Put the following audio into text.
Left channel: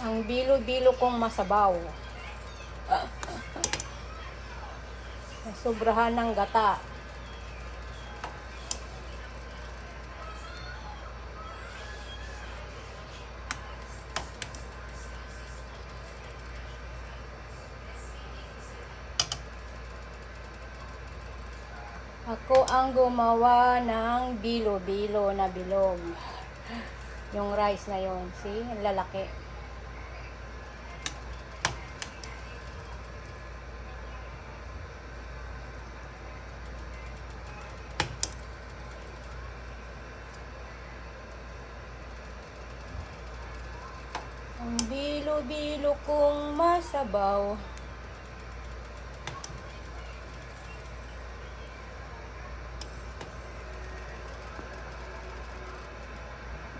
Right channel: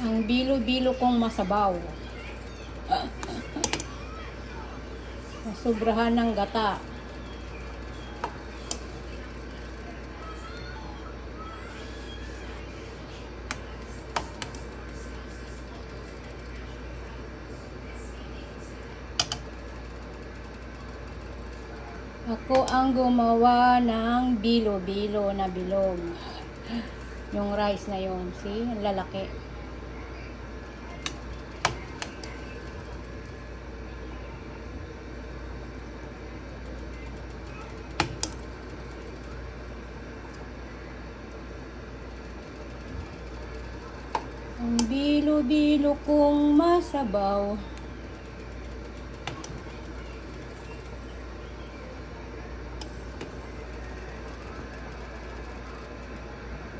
Ang bilo-bilo kong masabaw. Sobrahan ng gata. Ako ang gumawa ng bilo-bilo na bilog. Yung rice na yon, see? Ang lalaki. Ang bilo-bilo kong masabaw.